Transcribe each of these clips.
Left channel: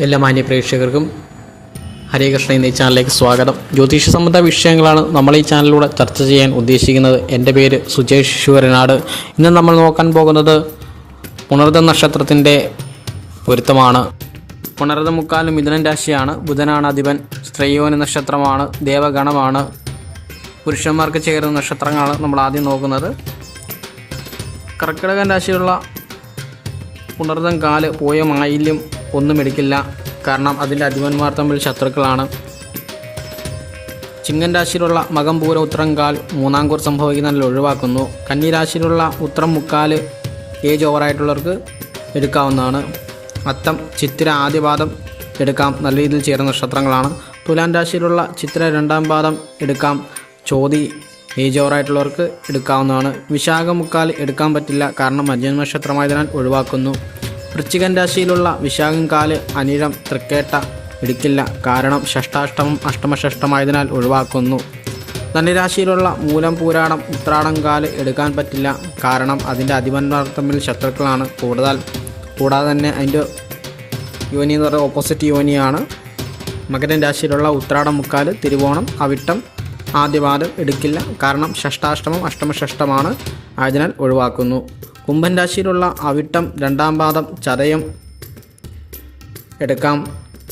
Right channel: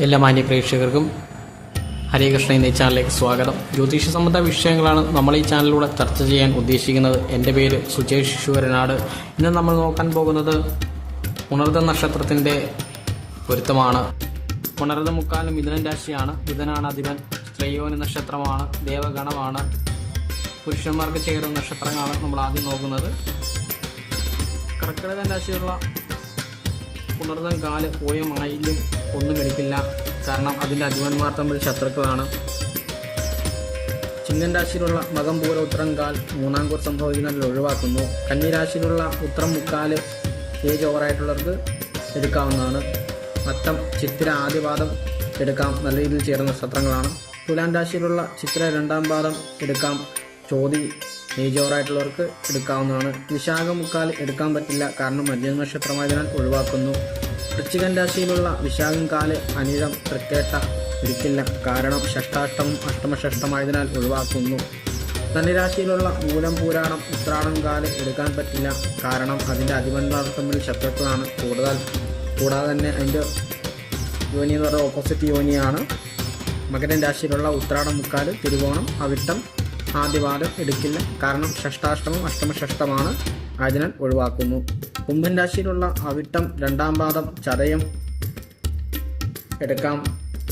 എല്ലാ മാന്യ പ്രേക്ഷകർക്കും ഹരേ കൃഷ്ണ എന്നീ ചാനലിലേക്ക് സ്വാഗതം. ജ്യോതിഷ സംബന്ധ വിഷയങ്ങളാണ് നമ്മൾ ഈ ചാനലിലൂടെ ചർച്ച ചെയ്യാൻ ഉദ്ദേശിക്കുന്നത്. എന്റെ പേര് സുജേഷ് ശിശുവരനാട് ഇന്ന് നമ്മൾ നോക്കാൻ പോകുന്നത് പുണർദ നക്ഷത്രത്തിന്റെ പൊരുത്തമാണ്. പുണർദ മുക്കാലും മിഥുനൻ രാശിയാണ്. ബുധനാണ് അധിപൻ സ്ത്രീയോന നക്ഷത്രമാണ് ദേവഗണമാണ് പുരുഷന്മാർക്ക് ചേരുന്ന നക്ഷത്രങ്ങളാണ് നമ്മൾ ആദ്യം നോക്കുന്നത്. കർക്കിടകൻ രാശിയുള്ള പുണർദം കാൽ പോയ മായില്യം ഒന്നും എടുക്കില്ല. കാരണം അതിന്റെ അധിപന്മാർ തമ്മിൽ ശത്രുക്കളാണ്. ചിങ്ങൻ രാശിയിലുള്ള മകം പൂര ഉത്രങ്കാൽ കാൽ മൂന്നാം കൂർ സംഭവിക്കുന്നതിൽ ഒഴിവാക്കുന്നു. കന്നി രാശിയിലുള്ള ഉത്രം മുക്കാൽ ഏജ് ഓവറായിട്ടുള്ളവർക്ക് എടുക്കാവുന്നതാണ്. അത്തം ചിത്തിര ആദ്യപാദം എടുക്കാം. നല്ല രീതിയിൽ ചേരുന്ന നക്ഷത്രങ്ങളാണ് തുലാൻ രാശിയിലുള്ള ചിത്ര രണ്ടാം പാദം എടുക്കാം. ചോതി ഏജ് ഓവറായിട്ടുള്ളവർക്ക് എടുക്കാവുന്നതാണ്. വിശാഖ മുക്കാൽ എടുക്കാൻ പറ്റില്ല. കാരണം മധ്യ നക്ഷത്രമായതിനാൽ ഒഴിവാക്കുന്നു. വൃശ്ചികൻ രാശിയിലുള്ള വിശാഖം കാൽ അനിഴം തൃക്കേട്ട എടുക്കില്ല കാരണം ഷഷ്ടാഷ്ടമം അഷ്ടമഷഷ്ടമായതിനാൽ ഒഴിവാക്കുന്നു. ധനുരാശിയിലുള്ള മൂലം പൂരാടം ഉത്രാടം കാൽ എടുക്കാൻ പറ്റില്ല. കാരണം അതിന്റെ അധിപന്മാർ ശത്രുക്കളാണ്. കൂടുതൽ കൂടാതെ തന്നെ അതിന്റെ യോനി എന്ന് പറയുന്നത് ഓപ്പോസിറ്റ് യോനിയാണ്. മകരൻ രാശിയിലുള്ള ഉത്രാടം മുക്കാൽ തിരുവോണം അവിട്ടം ആദ്യപാദം എടുക്കില്ല കാരണം ഷഷ്ടാഷ്ടമം അഷ്ടമഷഷ്ടമാണ് ആയതിനാൽ ഒഴിവാക്കുന്നു. കുംഭൻ രാശിയിലുള്ള അവിട്ടം രണ്ടാം പാദം ചതയം എടുക്കാം.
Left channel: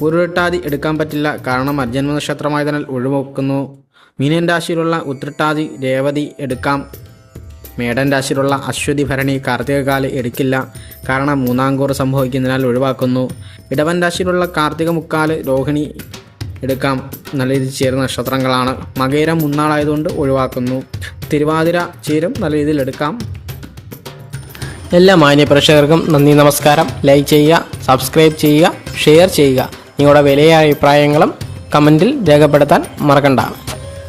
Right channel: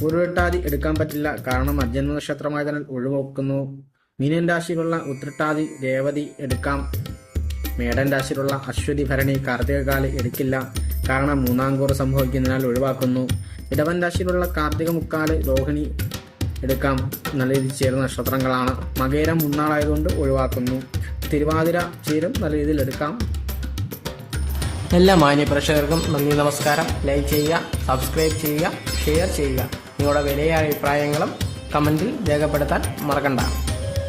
ഉരുട്ടാതി എടുക്കാൻ പറ്റില്ല. കാരണം അജന്മ നക്ഷത്രമായതിനാൽ ഒഴിവാക്കുന്നു. മീനൻ രാശിയിലുള്ള ഉത്രട്ടാതി രേവതി എടുക്കാം. മേടൻ രാശിയിലുള്ള അശ്വതി ഭരണി കാർത്തികകാൽ എടുക്കില്ല. കാരണം മൂന്നാം കൂറ് സംഭവിക്കുന്നതിനാൽ ഒഴിവാക്കുന്നു. ഇടവൻ രാശിയിലുള്ള കാർത്തിക മുക്കാൽ രോഹിണി എടുക്കാം. നല്ല രീതിയിൽ ചേരുന്ന നക്ഷത്രങ്ങളാണ്. മകേരം മുന്നാളായതുകൊണ്ട് ഒഴിവാക്കുന്നു. തിരുവാതിര ചേരും നല്ല രീതിയിൽ എടുക്കാം. എല്ലാ മാന്യ പ്രേക്ഷകർക്കും നന്ദി നമസ്കാരം. ലൈക്ക് ചെയ്യുക സബ്സ്ക്രൈബ് ചെയ്യുക ഷെയർ ചെയ്യുക. നിങ്ങളുടെ വിലയായ അഭിപ്രായങ്ങളും കമന്റിൽ രേഖപ്പെടുത്താൻ മറക്കണ്ട.